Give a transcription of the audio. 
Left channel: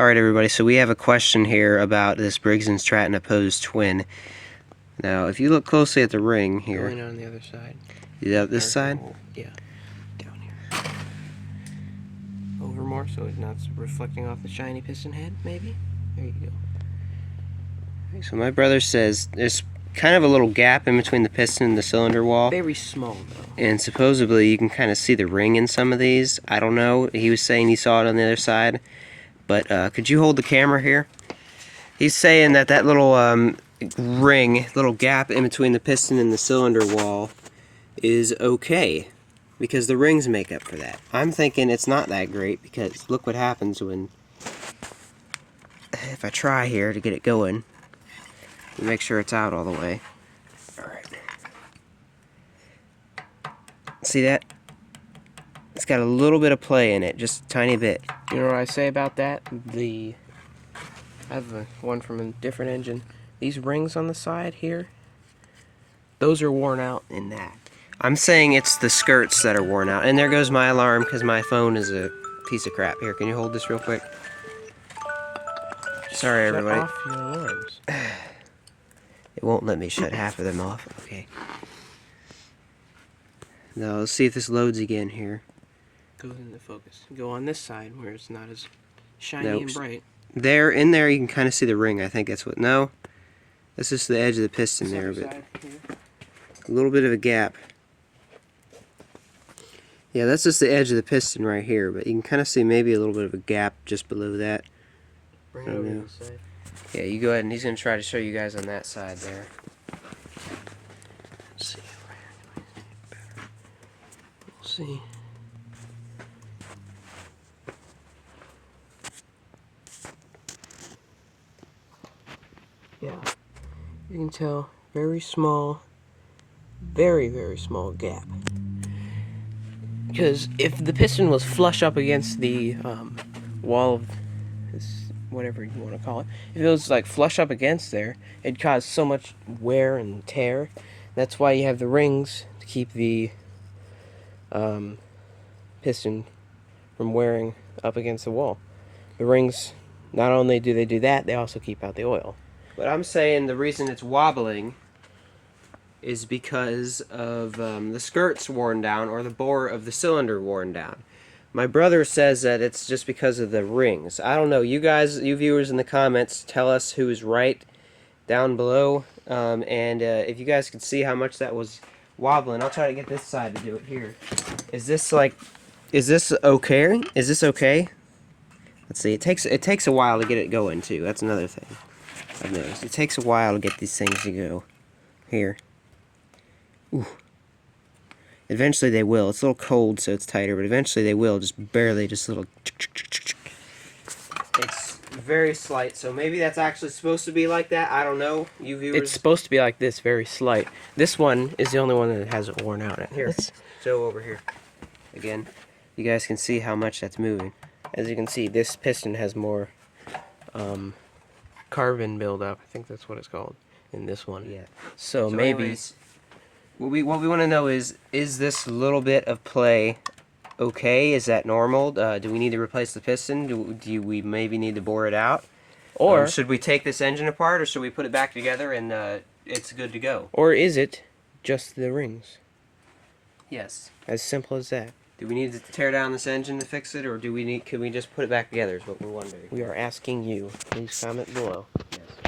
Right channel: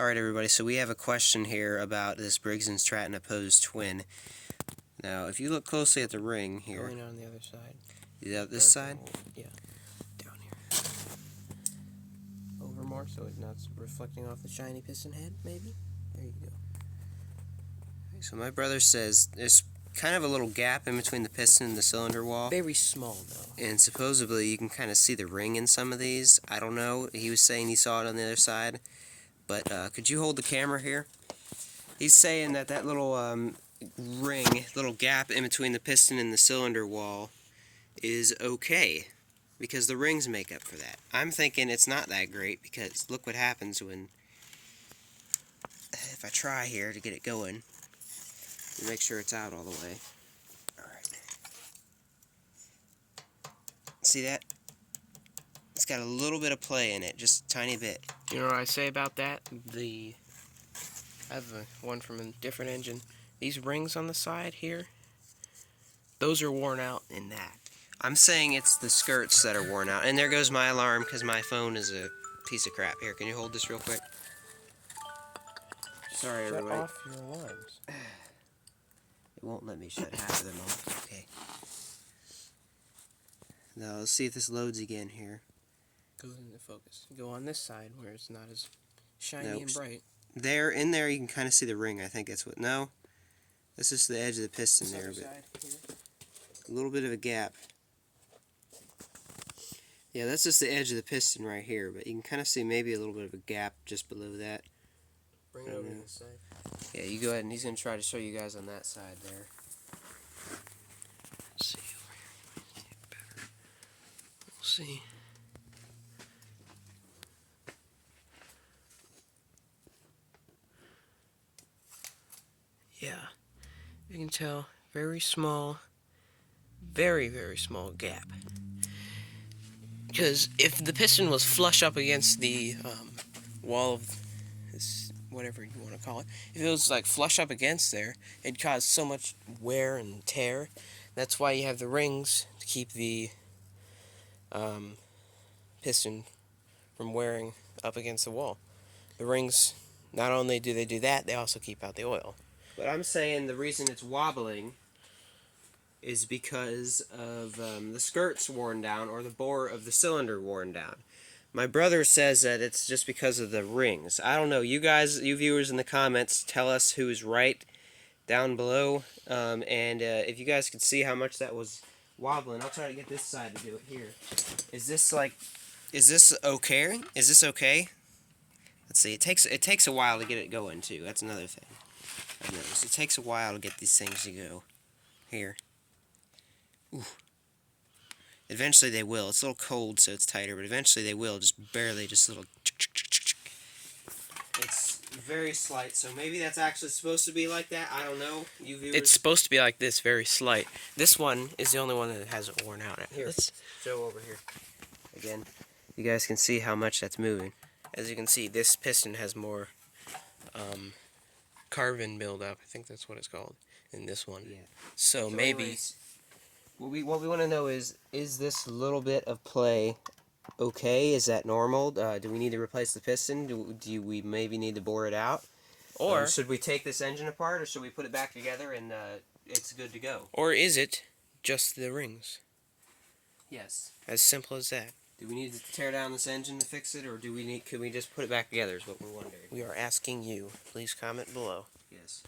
Alright everybody, so we have a question here about this Briggs and Stratton opposed twin. Now, if you look closely at the ring here... Going on the other side. Yeah, this side? Yeah. Down here. Over more so it's not reflecting off the shiny piston head, maybe? There you go. So my brother says there's kind of a little gap in between the piston and the cylinder wall. Very small, though. And supposedly you can kind of see the ring in some of these. I don't know. He was saying he saw it on the other side. But could you hold the camera here? He's saying that that little ring, little gap in between the piston and the cylinder wall is okay. Because the rings make up for that. I'm thinking it's not that great because look what happens when... If I try here to get it going. Make sure it's out all the way. Alright. See that? It's got a little bit of play in it, just a tiny bit. You know what I say about that? I have one from a different engine. These rings on the side here, those are worn out in that. I'm saying it's the skirts that are worn out. And there goes my alarm because my phone is a piece of crap. Here, can you hold this real quick? Sorry, everybody. Shut off your alarms. It won't let me shut half of them off. Okay. Now, let's see if this loads again here. Goes into focus. Go on this side where it's not as shiny and bright. There, in there, you can kind of see the ring. I think that's what. No, that's just the edge of the piston there, but a little bit of a gap. Yeah, that's just the edge of the piston right here, but you can kind of see maybe a little bit of a gap just below that. Bring it over to this side. Yeah, you go ahead, and he's going to try to show you guys on that side there. Let's see. We'll see. Yeah, you can tell, very small, very, very small gap. Because if the piston was flush up against the wall of this, whatever you want to call it, if it was like flush up against there, it'd cause so much wear and tear. That's why you have the rings to keep the piston from wearing up against the wall. The rings, not only do they do that, they also keep out the oil. But I'm saying the reason it's wobbling is because of the skirts worn down or the bore of the cylinder worn down. My brother says that it's just because of the rings. I don't know. You guys, you viewers in the comments, tell us who is right down below. And if you guys could see how much that was wobbling, I'll try to get this side to do it here. Is this okay? Is this okay? Let's see. It takes a while to get it going too. That's another thing I've noticed. It takes a while to get these things to go. Here. Ooh. Eventually they will. It's a little cold, so it's tighter, but eventually they will. Just barely, just a little... It's very slight, so maybe that's actually supposed to be like that. I don't know. You viewers... It's supposed to be like this, very slight. This one is the only one that hasn't worn out. Here, Joe, over here. Again, you guys can see how much that's moving. As you can see, this piston has more carbon buildup. I think that's what it's called in this one. Yeah. So maybe... Anyways, what we want to know is this little bit of play okay? Is that normal? Do we need to replace the piston? Do we maybe need to bore it out? Or should we take this engine apart, or should we put it back together and it's good to go? Or is it just the rings? Yes. As simple as that. Do we need to tear down this engine to fix it, or can we just put it back together is what we're wondering. We are asking you. Please comment below. Yes.